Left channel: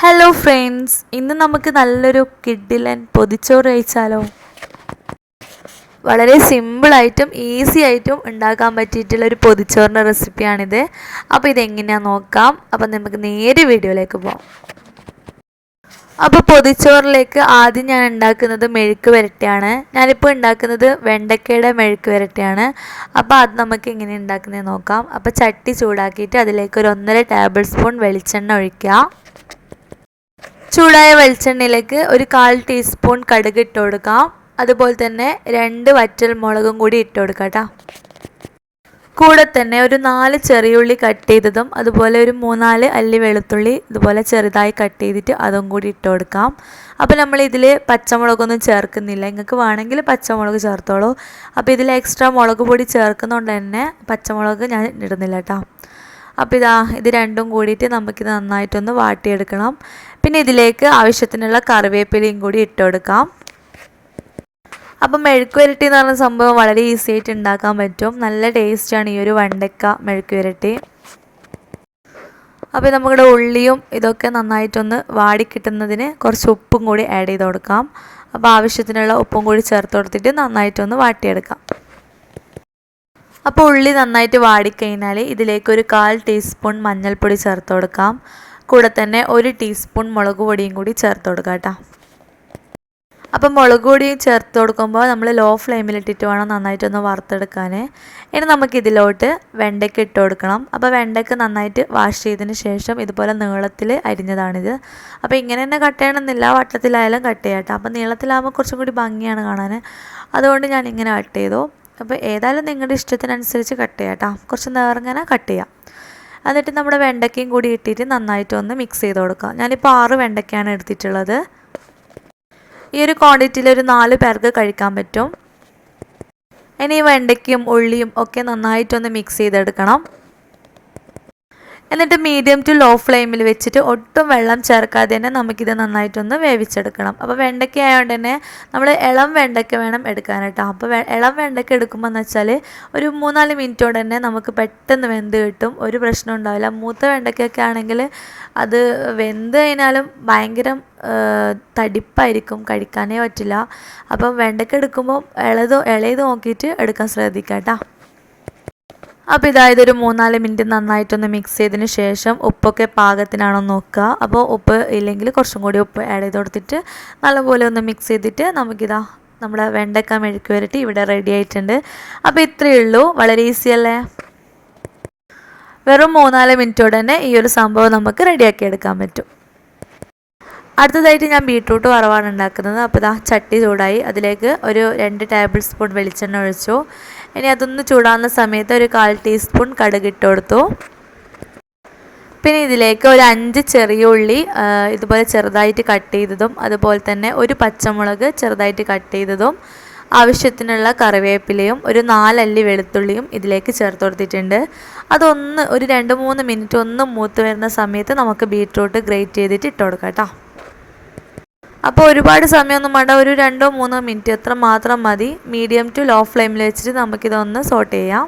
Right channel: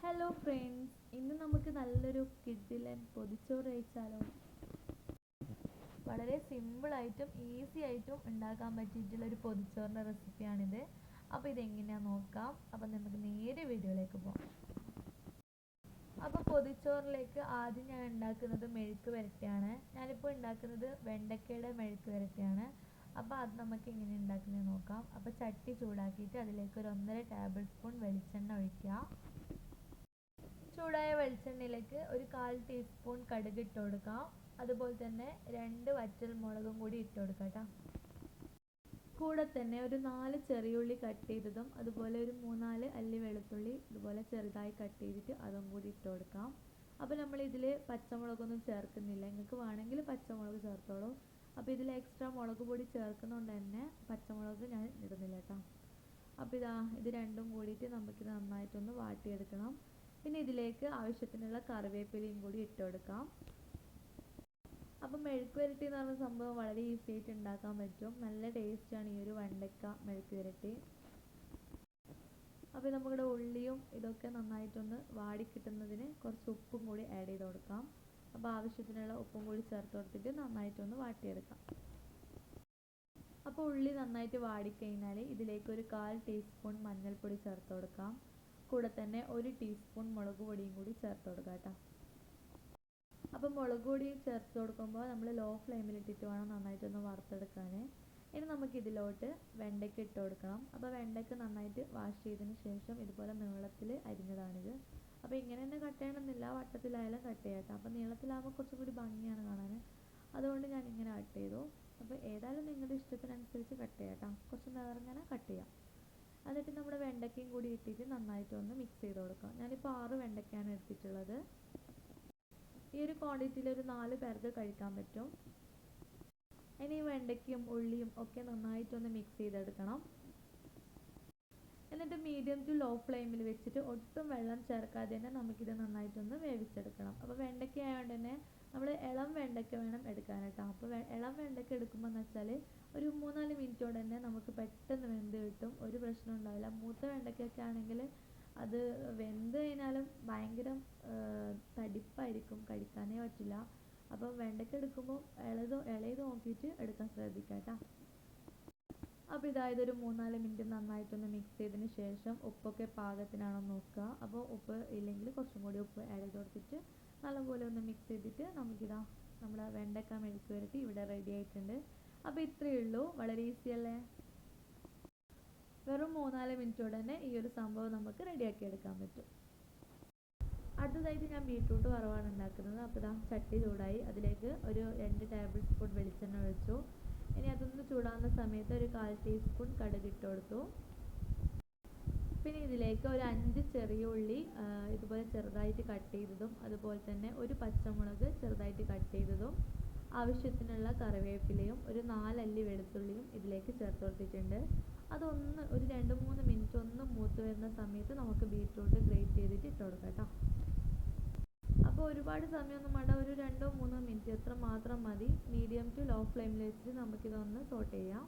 Hello friends ഇന്ന് നമുക്ക് നല്ലൊരു കിഡിലൻ പൊതിച്ചോറ് കഴിച്ചാലോ? വളരെ സിമ്പിളായിട്ടും ഈസി ആയിട്ടും ഉണ്ടാക്കാൻ പറ്റിയിട്ടുള്ള ഒരു പൊതിച്ചോറിന്റെ റെസിപ്പിയാണിത് അപ്പോൾ ഇതെങ്ങനെയാണെന്ന് നോക്കാം. അപ്പോൾ നമുക്ക് നേരെ വീഡിയോയിലേക്ക് പോകാം അപ്പോൾ പൊതിച്ചോറിലേക്ക് ആദ്യം ഞാൻ ഉണ്ടാക്കുന്നത് മെഴുക്ക് വരട്ടിയാണ്. ഞാനിപ്പോൾ ഉണ്ടാക്കുന്നത് വെണ്ടക്കയുടെ മെഴുക്ക് വരട്ടിയാണ്. അപ്പോൾ അത് നമുക്ക് എങ്ങനെ ഉണ്ടാക്കുന്നത് നോക്കാം. അപ്പോൾ ചട്ടി ചൂടാക്കിയിട്ട് അതിലേക്ക് ഒരു ഒന്നര ടേബിൾ സ്പൂൺ വെളിച്ചെണ്ണ ഒഴിക്കുക ചൂടായ വെളിച്ചെണ്ണയിലേക്ക് ഒരു കാൽ ടീസ്പൂൺ കടുക് ഇട്ട് കൊടുക്കാം. അതുപോലെ തന്നെ രണ്ട് വറ്റൽ മുളകും കൂടി ഇട്ട് കൊടുക്കാം കൂടെ തന്നെ ഒരു നാല് ചെറിയുള്ളി കട്ട് ചെയ്തതും അതുപോലെ ഒരു മൂന്നാൽ അല്ലി വെളുത്തുള്ളി ഇതുപോലെ ചെറുതായി കട്ട് ചെയ്തിട്ട് അതും കൂടി ഇട്ട് കൊടുക്കാം. അപ്പോൾ നമ്മൾ ഇതിൽ പച്ചമുളകൊന്നും ചേർക്കുന്നില്ല. നിങ്ങൾക്ക് വേണമെങ്കിൽ പച്ചമുളക് ചേർത്തോളൂ. അപ്പോൾ ഇതിൽ എക്സ്ട്രാ മുളക് പൊടി ചേർക്കുന്നതുകൊണ്ട് തന്നെ പച്ചമുളക് ഞാൻ ഇടുന്നില്ല കേട്ടോ. അപ്പോൾ ഇതാ ഇത് രണ്ടും കൂടിയിട്ട് നമുക്കിത് നന്നായിട്ടൊന്ന് വാട്ടിയെടുക്കണം. പിന്നെ ഇതിലേക്ക് ആവശ്യത്തിനുള്ള കറിവേപ്പിലയും കൂടി ഇട്ട് കൊടുക്കാം. അപ്പം മെഴുക്ക് വരട്ടി എന്ന് പറഞ്ഞ സംഭവം വളരെ ഈസി ആയിട്ട് ഉണ്ടാക്കാൻ പറ്റും. നല്ല ടേസ്റ്റാണ് ഈ ഒരു വണ്ടക്ക മെഴുക്ക് വരട്ടി. അപ്പോൾ നമ്മുടെ ഉള്ളിയും ഇതൊക്കെ നന്നായിട്ടൊന്ന് വാടി കിട്ടുന്നതിന് കുറച്ച് ഉപ്പും കൂടി ആഡ് ചെയ്ത് കൊടുക്കാം. അപ്പോൾ ആവശ്യത്തിനുള്ള ഉപ്പും കൂടി ചേർത്ത് കൊടുത്തിട്ട് നന്നായിട്ടൊന്ന് വാട്ടിയെടുക്കാം. അപ്പോൾ ഉള്ളി നന്നായിട്ട് വാടിക്കഴിഞ്ഞാൽ ഇതിലേക്ക് ഒരു കാൽ ടീസ്പൂൺ മഞ്ഞൾപ്പൊടി ചേർത്ത് കൊടുക്കാം. കൂടെ തന്നെ ഒരു ടീസ്പൂൺ മുളക് പൊടിയും കൂടി ചേർത്ത് കൊടുക്കാം കേട്ടോ. അപ്പം മുളക് പൊടി ചേർത്ത് കൊടുക്കുമ്പോൾ നമ്മൾ ലോ ഫ്ലെയിമിലിട്ടിട്ട് വേണം നന്നായിട്ടൊന്ന് വറുത്തെടുക്കാൻ ഇനി നമുക്കിതിലോട്ട് വെണ്ടയ്ക്ക് ഇട്ട് കൊടുക്കണം. അപ്പോൾ വെണ്ടയ്ക്ക നന്നായിട്ട് വാഷ് ചെയ്തതിന് ശേഷം ഇതുപോലെ നീളത്തിൽ അരിഞ്ഞതാണിത്. അപ്പോൾ ഇങ്ങനെ തന്നെ കട്ട് ചെയ്യണമെന്നില്ല വട്ടത്തിലായാലും കട്ട് ചെയ്യാം കേട്ടോ. അപ്പോൾ നീളത്തിലാകുമ്പോൾ കുറച്ചും കൂടി ഭംഗിയാണ് കാണാൻ അതുകൊണ്ട് ഞാൻ ഇങ്ങനെ കട്ട് ചെയ്തു. അപ്പോൾ ഏതായാലും നിങ്ങളുടെ ഇഷ്ടത്തിനനുസരിച്ച് കട്ട് ചെയ്യാം കേട്ടോ. കുറച്ച് നേർങ്ങനെ കട്ട് ചെയ്യാം. എന്നിട്ട് നമ്മുടെ വെണ്ടയ്ക്കയും കൂടി ഇട്ടിട്ട് നന്നായിട്ടൊന്ന് മിക്സ് ചെയ്ത് കൊടുക്കാം. ഞാനിപ്പോൾ ആറ് വെണ്ടയ്ക്കയാണ് എടുത്തിട്ടുള്ളത്. ഈ ഒരു ക്വാണ്ടിറ്റിയിൽ ഒരു നാല് പേർക്ക് കഴിക്കാൻ പറ്റും. ഇനി ഈ വെണ്ടയ്ക്കും ഉള്ളിയും ഒക്കെ നന്നായിട്ടൊന്ന് മിക്സ് ചെയ്തെടുക്കണം. എന്നിട്ട് മീഡിയം ടു ലോ ഫ്ലെയിമിൽ വെച്ചിട്ട് ഒട്ടും വെള്ളം ചേർക്കാതെ തന്നെ നമുക്കിത് നന്നായിട്ടൊന്ന് വേവിച്ചെടുക്കണം. അപ്പോൾ വെണ്ടയ്ക്ക ആയതുകൊണ്ട് തന്നെ നമ്മൾ ഇളം വെണ്ടയ്ക്ക വേണം എടുക്കാൻ അപ്പോൾ ഇളം വെണ്ടയ്ക്ക എടുക്കുമ്പോൾ എന്ന് വെച്ചാൽ ഒരു മൂന്നാൽ മിനിറ്റോടെ തന്നെ നമുക്ക് പെട്ടെന്ന് വെന്ത് കിട്ടും. ഒരു പ്രശ്നം ഉണ്ടാവില്ല. മൂത്ത വെണ്ടയ്ക്കൊക്കെ ആണെങ്കിൽ അത് വെന്ത് കഴിഞ്ഞാലും ഭയങ്കര തടിപ്പായിരിക്കും. കഴിക്കാനേ പറ്റില്ല. അപ്പം വെണ്ടയ്ക്ക എടുക്കുമ്പോൾ ഇളത് ഇളയത് നോക്കിയിട്ട് എടുക്കാൻ ശ്രദ്ധിക്കാം കേട്ടോ അപ്പോൾ ഇതായത് ഒരു മൂന്നാൽ മിനിറ്റ് നന്നായിട്ടൊന്ന് മിക്സ് ചെയ്തതിന് ശേഷം ഉപ്പൊക്കെ പാകത്തിനാണോ നോക്കുക. അപ്പോൾ ഉപ്പ് ഇല്ലെങ്കിൽ കുറച്ചും കൂടി ഉപ്പ് ആഡ് ചെയ്ത് കൊടുത്തിട്ട് നല്ലപോലെ ഒന്ന് മിക്സ് ചെയ്തിട്ട് നമുക്കിതാ നമ്മുടെ വെണ്ടക്ക മെഴുക്ക് വരട്ടി ഇവിടെ റെഡി ആയിട്ടുണ്ട്. അപ്പോൾ ഇത്രയേ ഉള്ളൂ. വളരെ ഈസി അല്ലേ? വെറും മൂന്നാൽ മിനിറ്റോടെ തന്നെ ഈ ഒരു സംഭവം നമുക്ക് റെഡിയാക്കി എടുക്കാൻ പറ്റും. അടുത്തതായിട്ട് ഞാൻ ബീട്രൂട്ട് വറവാണ് ഉണ്ടാക്കുന്നത്. അപ്പോൾ ഇതാ ചട്ടി ചൂടായി. അതിലേക്ക് ഒരു രണ്ട് ടേബിൾ സ്പൂൺ വെളിച്ചെണ്ണ ഒഴിച്ചു. ഇനി അതൊന്ന് ചൂടാകുന്ന സമയത്ത് ഒരു കാൽ ടീസ്പൂൺ കടുക് ഇട്ട് കൊടുത്തു. പിന്നെ ഇതിലേക്ക് ഒരു അഞ്ച് ചെറിയ ഉള്ളി ഇതുപോലെ ചെറുതായിട്ട് കട്ട് ചെയ്തതും അതുപോലെ തന്നെ ഒരു പച്ചമുളക് ചെറുതായിട്ട് കട്ട് ചെയ്തതും ആവശ്യത്തിനുള്ള കറിവേപ്പിലയും ഒരു നാലല്ലി വെളുത്തുള്ളിയും ഇതിലേക്ക് ചേർത്ത് കൊടുത്തിട്ടുണ്ട്. അതൊന്ന് ഒരു രണ്ട് മൂന്ന് മിനിറ്റ് ഒന്ന് മൂത്ത് വരുന്ന സമയത്ത് നമുക്ക് ബീട്രൂട്ട് ഗ്രേറ്റ് ചെയ്തിട്ട് ഇട്ട് കൊടുക്കാം കേട്ടോ. അപ്പോൾ ഒരുപാട് സമയമൊന്നും വേണ്ട. ഒരു രണ്ടോ മൂന്നോ മിനിറ്റ് എത്ര മാത്രം മതി. മീഡിയം ടു ലോ ഫ്ലെയിമിൽ വെച്ചിട്ട് നമുക്കിതൊന്ന് സോട്ട് ചെയ്യാം.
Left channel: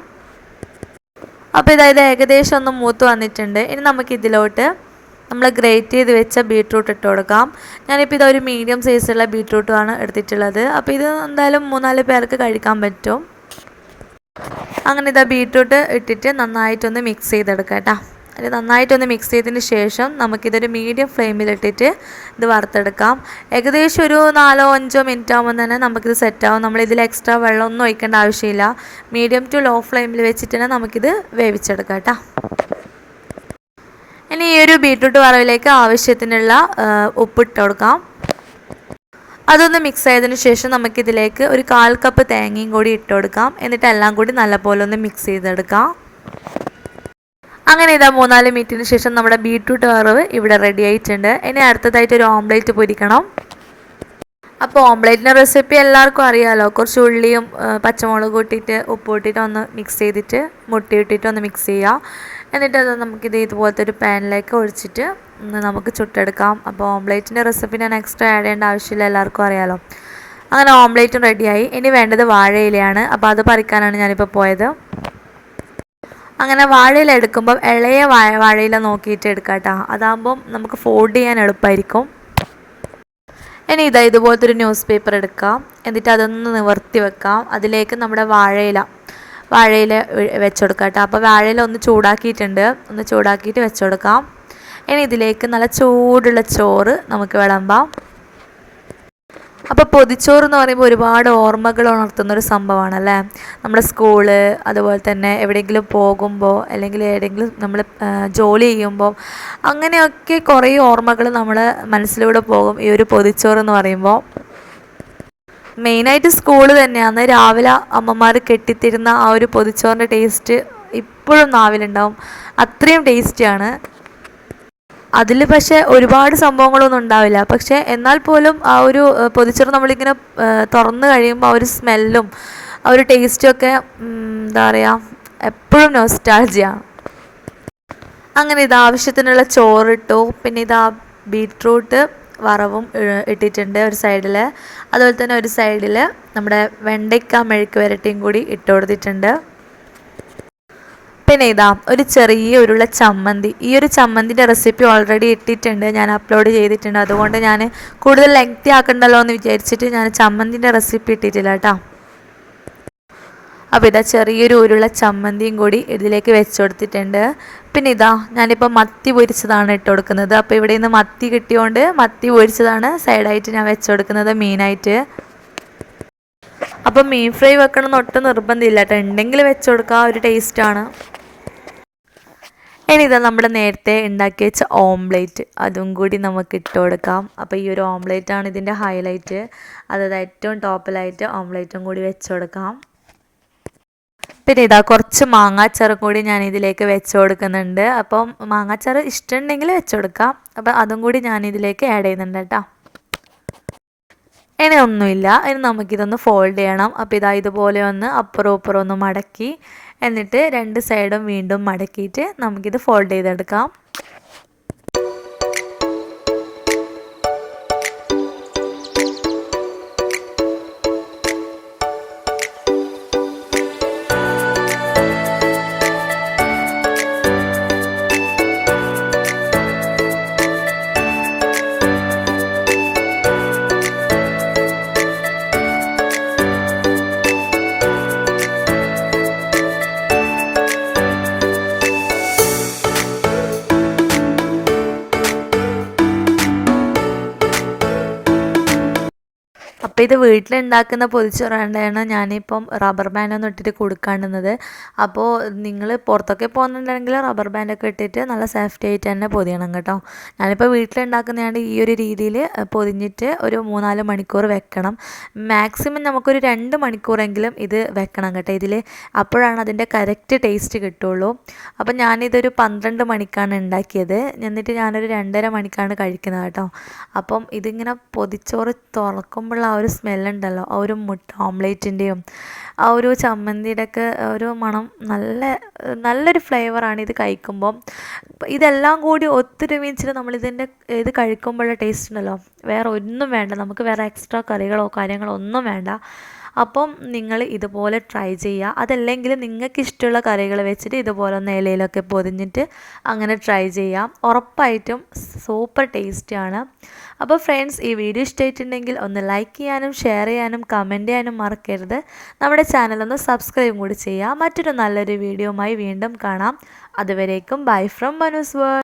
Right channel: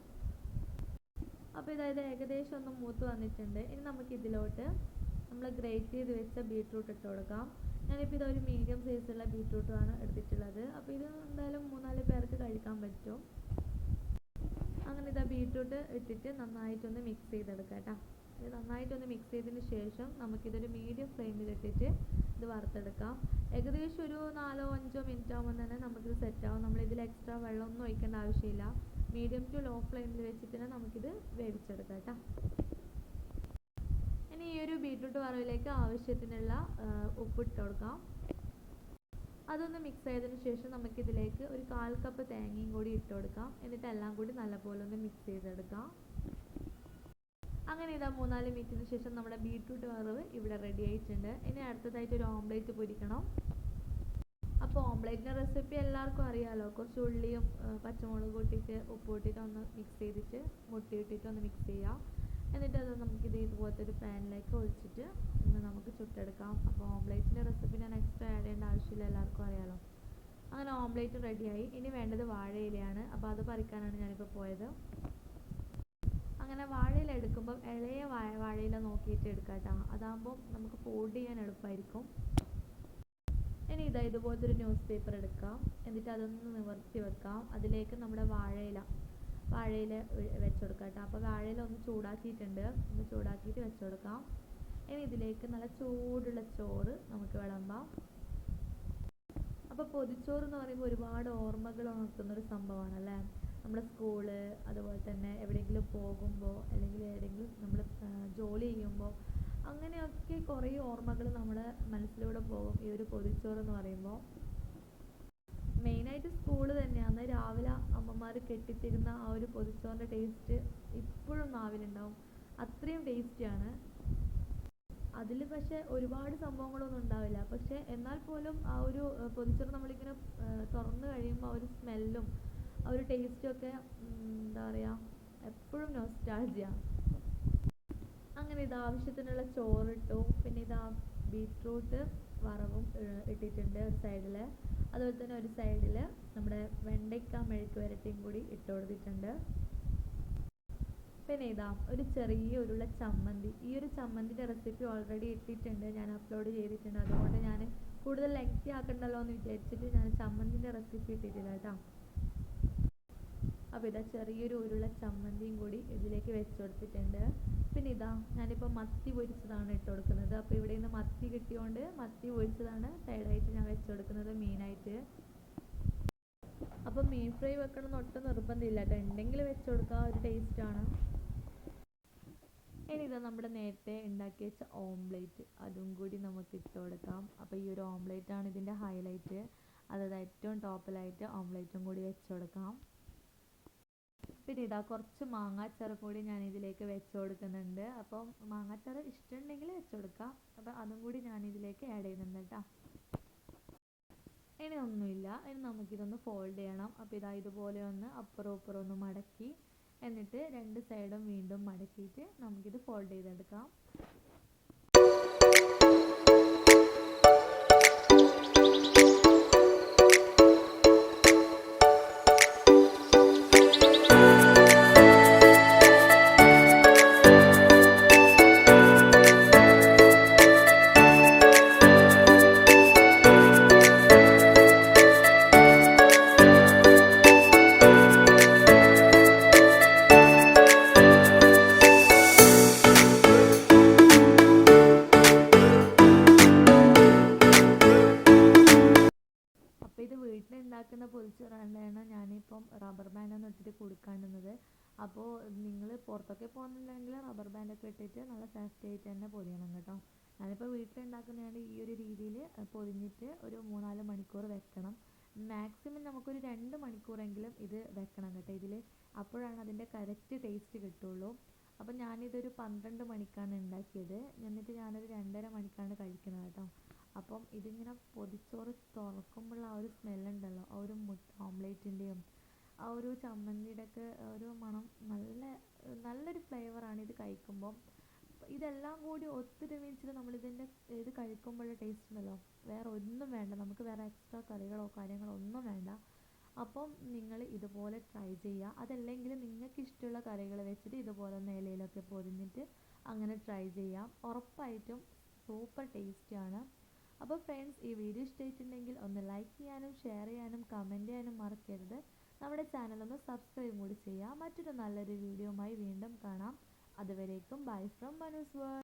അപ്പോൾ ഇതായത് ഏകദേശം ഒന്ന് മൂത്ത് വന്നിട്ടുണ്ട്. ഇനി നമുക്കിതിലോട്ട് നമ്മൾ ഗ്രേറ്റ് ചെയ്ത് വെച്ച ബീട്രൂട്ട് ഇട്ട് കൊടുക്കാം. ഞാനിപ്പോൾ ഇതൊരു മീഡിയം സൈസുള്ള ബീട്രൂട്ടുമാണ് എടുത്തിട്ടുള്ളത്. അപ്പോൾ ഇത് എന്തായാലും മൂന്നാൽ പേർക്ക് കഴിക്കാൻ പറ്റും. അങ്ങനെ ഇതാ ബീട്രൂട്ട് ഇട്ടിട്ട് നന്നായിട്ടൊന്ന് മിക്സ് ചെയ്തെടുക്കാം കേട്ടോ. അത് നന്നായിട്ടൊന്ന് മിക്സ് ചെയ്തതിന് ശേഷം നമുക്കിതൊരു മീഡിയം ഫ്ലെയിമിലിട്ടിട്ട് ഇത് വറുത്തെടുക്കാം. ഏകദേശം ഒരു നാലോ അഞ്ചോ മിനിറ്റ് ആകുമ്പോൾ തന്നെ നമുക്കിത് സെറ്റാവും നമ്മളിതിൽ എക്സ്ട്രാ വെള്ളമൊന്നും ഒഴിക്കേണ്ട ആവശ്യമില്ല. മീഡിയം ടു ലോ ഫ്ലെയിമിൽ വെച്ചിട്ട് തന്നെ നമുക്കിത് വേവിച്ചെടുക്കാം കേട്ടോ. ഇനി ഈ ഒരു ബീട്രൂട്ട് വറവിലേക്ക് ആവശ്യത്തിനുള്ള ഉപ്പിട്ട് കൊടുക്കാം. അതൊന്ന് മിക്സ് ആയതിനു ശേഷം നമുക്കിതിലേക്ക് ഒരു കാൽ കപ്പ് തേങ്ങയും കൂടി ഇട്ട് കൊടുക്കാം. എന്നിട്ട് എല്ലാം കൂടി നല്ലപോലെ ഒന്ന് മിക്സ് ചെയ്തെടുക്കാം. അങ്ങനെ ഇതാ മൂന്നാൽ മിനിറ്റിന് ശേഷം നമ്മുടെ ബീട്രൂട്ട് വറവ് ഇവിടെ റെഡി ആയിട്ടുണ്ട്. ഇനി അടുത്തതായിട്ട് ഒരു ഓംലേറ്റ് പൊരിക്കണം. അപ്പോൾ ഓംലേറ്റിന്റെ റെസിപ്പി എല്ലാവർക്കും അറിയാമല്ലോ കുറച്ച് ഉള്ളിയും പച്ചമുളകും കൂട്ടിയിട്ട് ഉപ്പ് ഇട്ടിട്ട് ഒന്ന് മിക്സ് ചെയ്തിട്ട് മുട്ട ഇട്ടിട്ട് ഒന്ന് മിക്സ് ചെയ്യുക എന്നിട്ട് അത് നമുക്കിത് ഇതുപോലത്തെ ഒരു പാനിലേക്ക് ഒഴിച്ചിട്ട് നമുക്ക് ചുട്ടെടുക്കാം. അപ്പോൾ ഓംലേറ്റിന്റെ റെസിപ്പി ഞാൻ എക്സ്ട്രാ ആഡ് ചെയ്യേണ്ട ആവശ്യമില്ല എല്ലാവർക്കും അറിയാമല്ലോ അങ്ങനെ ഓംലേറ്റും റെഡിയായി ഇനി വേണ്ടത് വാഴയിലയാണ്. അപ്പോൾ അത് പറിക്കാനാണ് ഞാനിപ്പോൾ പോയത്. അങ്ങനെ വാഴയില എടുക്കുമ്പം ഇളയ വാഴ വാഴയില നോക്കിയിട്ട് എടുക്കാം കേട്ടോ അതാകുമ്പം നമുക്ക് ഫോൾഡ് ചെയ്യാൻ എളുപ്പമായിരിക്കും ഇനി ഇതാ ഇതുപോലത്തെ ഒരു ന്യൂസ് പേപ്പർ എടുക്കാം. എന്നിട്ട് അതൊന്ന് നിവർത്തി വെക്കാം. അതിലേക്ക് നമ്മുടെ വാഴയില വാഴയില വെച്ചുകൊടുക്കാം കേട്ടോ അപ്പോൾ വാഴയില ഒന്ന് ചൂടാക്കിയിട്ടുണ്ട്. ഒന്ന് ചൂടാക്കിയിട്ട് വെച്ചുകൊടുക്കാം ഇനി ഇതിലേക്ക് നല്ല ചൂടുള്ള ചോറ് നമുക്ക് വിളമ്പാം. അപ്പോൾ പൊതിച്ചോറ് എന്ന് പറയുമ്പോൾ ഒരുപാട് ഓർമ്മകൾ ഉണർത്തുന്ന ഒരു സംഭവമാണ് അല്ലേ നമ്മുടെ സ്കൂൾ അതുപോലെ തന്നെ എവിടെയെങ്കിലും പോകുമ്പോൾ അല്ലെങ്കിൽ എവിടെയെങ്കിലും നമ്മൾ ജോലി ചെയ്യുമ്പോൾ അങ്ങനെയൊക്കെ കുറേ ഓർമ്മകൾ നമ്മൾ മനസ്സിലൂടെ പോകും. ഈ ഒരു പൊതിച്ചോറ് എന്ന് പറയുമ്പോൾ മെയിനായിട്ട് സ്കൂൾ തന്നെയാണ് രാവിലെ അമ്മമാർ കെട്ടിത്തരുന്ന ആ ഒരു പൊതിച്ചോറിന്റെ ടേസ്റ്റ് ഇപ്പോഴും നാവിലുണ്ടാവും. അത്രയും ടേസ്റ്റിയാണ് അതിൽ പക്ഷേ ഒരുപാട് സംഭവങ്ങളൊന്നും ഉണ്ടാവില്ല. പക്ഷേ എന്നാൽ പോലും ആ ഒരു പൊതിച്ചോറ് നമ്മളിങ്ങനെ തുറന്നു കഴിയുമ്പോൾ ആ ഒരു സ്മെല്ലും ആ ഒരു ടേസ്റ്റും ഒക്കെ എന്താ പറയുക എപ്പോഴും നോസ്റ്റാൾജിയാണ് അങ്ങനെ ഇത് ആവശ്യത്തിനുള്ള ചോറിട്ടു. പിന്നെ ഇതാ ബീട്രൂട്ട് വറവും ഇട്ടിട്ടുണ്ട് ഒരു സൈഡിൽ അതുപോലെ തന്നെ ഒരു സൈഡിൽ നമ്മുടെ വെണ്ടയ്ക്ക മെഴുക്ക് വരട്ടിയും കൂടി ഇട്ട് കൊടുത്തിട്ടുണ്ട്. പിന്നെ ഇതാ ഒരു ചെറിയ ഉരുള ചമ്മന്തി. ഈ ഒരു ചമ്മന്തിന്റെ റെസിപ്പി ഓൾറെഡി ഇട്ടിട്ടുണ്ട്. ഞാൻ അപ്ലോഡ് ചെയ്തിട്ടുണ്ട്. അതുകൊണ്ട് ഞാൻ കൂടുതൽ ലെങ്തി ആക്കണ്ടല്ലോ എന്ന് വിചാരിച്ചിട്ട് ഞാൻ ചമ്മന്തിന്റെ റെസിപ്പി ഇട്ടിട്ടില്ല കേട്ടോ. അപ്പോൾ ഇതാ ചെറിയൊരു ഉരുള ചമ്മന്തിയും കൂടി ഇതിലേക്ക് വെച്ച് കൊടുത്തിട്ടുണ്ട്. പിന്നെ ഇതാ ഞാനിപ്പോൾ മത്തി പൊരിച്ചതാണ് ഇട്ട് കൊടുക്കുന്നത്. അപ്പോൾ ഇവിടെ നിന്ന് മത്തി കിട്ടിയോണ്ട് മത്തി പൊരിച്ചതാണ് സൈഡായിട്ട് ഞാൻ വെച്ച് കൊടുക്കുന്നത് മീനായിട്ട് അപ്പം മീൻ ഫ്രൈ വെക്കണം എന്ന് ഒട്ടും നിർബന്ധമില്ല കേട്ടോ ഉണ്ടെങ്കിൽ വെച്ച് കൊടുക്കുക ഒരു ടേസ്റ്റാണ്. ഇനി ഇതാ നമ്മൾ നേരത്തെ ഉണ്ടാക്കി വെച്ച ഓംലേറ്റ് അതും കൂടി നമുക്ക് ഇട്ട് കൊടുക്കാം. അപ്പോൾ ഈ ഒരു ഓംലേറ്റ് ആണ് ഇതിന്റെ ഹൈലൈറ്റ്. അതായത് ഏറ്റവും ടോപ്പിലായിട്ട് ഓംലേറ്റും കൂടി വെച്ച് കൊടുക്കാം. പിന്നെ ഇതാ കുറച്ച് മാങ്ങാച്ചാറും കൂടി ഞാൻ ഇതിലേക്ക് വെച്ച് കൊടുക്കുന്നുണ്ട്. അപ്പം മാങ്ങാച്ചാറ് ഇഷ്ടമുണ്ടെങ്കിൽ വെച്ച് കൊടുക്കാം. അപ്പം അതും കൂടി ഞാൻ ഇതിലേക്ക് ആഡ് ചെയ്യുന്നുണ്ട് കേട്ടോ. ഇനി ഒന്നുമില്ല ഇനി നമുക്കിതൊന്ന് ഫോൾഡ് ചെയ്യണം. അപ്പോൾ ഇതാ ഇതുപോലെ ഒന്ന് അപ്പുറം ഇപ്പുറം ഒന്ന് മടക്കി. എന്നിട്ട് രണ്ട് സൈഡും വീണ്ടും മടക്കിയിട്ട് നമുക്കിത് ഫോൾഡ് ചെയ്തെടുക്കാം. ഇത് വീട്ടിലുണ്ടാക്കുന്ന പൊതിച്ചോറാണ്ടാണ് ഞാനിപ്പം റബ്ബർ ബാൻഡ് ബാൻഡൊന്നും ഇട്ടിട്ട് കൊടുക്കാണ്ടുന്നത്. അപ്പോൾ നിങ്ങൾ പുറത്തൊക്കെ പോകുന്നുണ്ടെങ്കിൽ റബ്ബർ ബാൻഡൊക്കെ ഇട്ടിട്ട് നല്ല സേഫ്റ്റി ആയിട്ട് തന്നെ പൊതിയണം കേട്ടോ. ഞാനിപ്പോൾ വീട്ടിലുണ്ടാക്കുന്നതാണ് ഈ ഒരു രീതിയിൽ പൊതിഞ്ഞിട്ട് ഒരു മൂന്നാൽ മണിക്കൂർ വെക്കണം. മാക്സിമം നമുക്കൊരു രണ്ട് മണിക്കൂറെങ്കിലും ഇത് വെക്കണം കേട്ടോ. ഇതിൽ അപ്പോഴാണ് അതിന്റെ കറക്റ്റ് ടേസ്റ്റ് കിട്ടുള്ളൂ. അപ്പോൾ ഞാനിതൊരു പന്ത്രണ്ട് മണിക്കാണ് ഉണ്ടാക്കിയത് എന്നിട്ട് ഞാനൊരു രണ്ടര മണിക്കാണ് കഴിക്കുന്നത് കേട്ടോ. അപ്പം ഇതിങ്ങനെ പൊതിച്ചോറ് തുറക്കുമ്പോഴുള്ള ആ ഒരു സ്മെല്ലുണ്ടല്ലോ. ആ ഒരു മുട്ട ഓംലേറ്റിന്റെയും ആ ഒരു ചമ്മന്തിയുടെയൊക്കെ ഒരു മണം നല്ല നല്ലൊരു ഫ്ലേവറാണ് ഇത് കഴിക്കുമ്പം. ഇതെല്ലാം കൂടി ഒത്തൊരുമിച്ചിട്ട് നമ്മളിതിന്റെ ഇത് കഴിക്കുമ്പോഴുള്ള ടേസ്റ്റ് ഉണ്ടല്ലോ. വേറെ ഒന്നും വേണ്ട. നമുക്ക് വേറെ എക്സ്ട്രാ കറികളോ കാര്യങ്ങളോ ഒന്നും വേണ്ട. അപ്പം നിങ്ങൾ ഇതുപോലെ ട്രൈ ചെയ്യുക. അതല്ലെങ്കിൽ നിങ്ങൾക്ക് ഇഷ്ടമുള്ള കറികൾ വെച്ചിട്ട് ഇതുപോലെ ഒന്ന് ഇലയിലൊക്കെ പൊതിഞ്ഞിട്ട് അങ്ങനെ ട്രൈ ചെയ്യാം. ഉറപ്പായിട്ടും സൂപ്പർ ടേസ്റ്റിയാണ് അപ്പോൾ ഫ്രണ്ട്സ് ഈ വീഡിയോ ഇഷ്ടമായിട്ടുണ്ടെങ്കിൽ ഒന്ന് ലൈക്ക് ചെയ്യാനും ഷെയർ ചെയ്യാനും കമന്റ് ചെയ്യാനും മറക്കരുത്. നമ്മുടെ ചാനൽ ഒന്ന് സബ്സ്ക്രൈബ് കൂടി ചെയ്യുക. മറ്റൊരു നല്ലൊരു വീഡിയോയുമായി വീണ്ടും കാണാം. അതുവരേക്കും ബൈ ഫ്രം മനുസ്വർ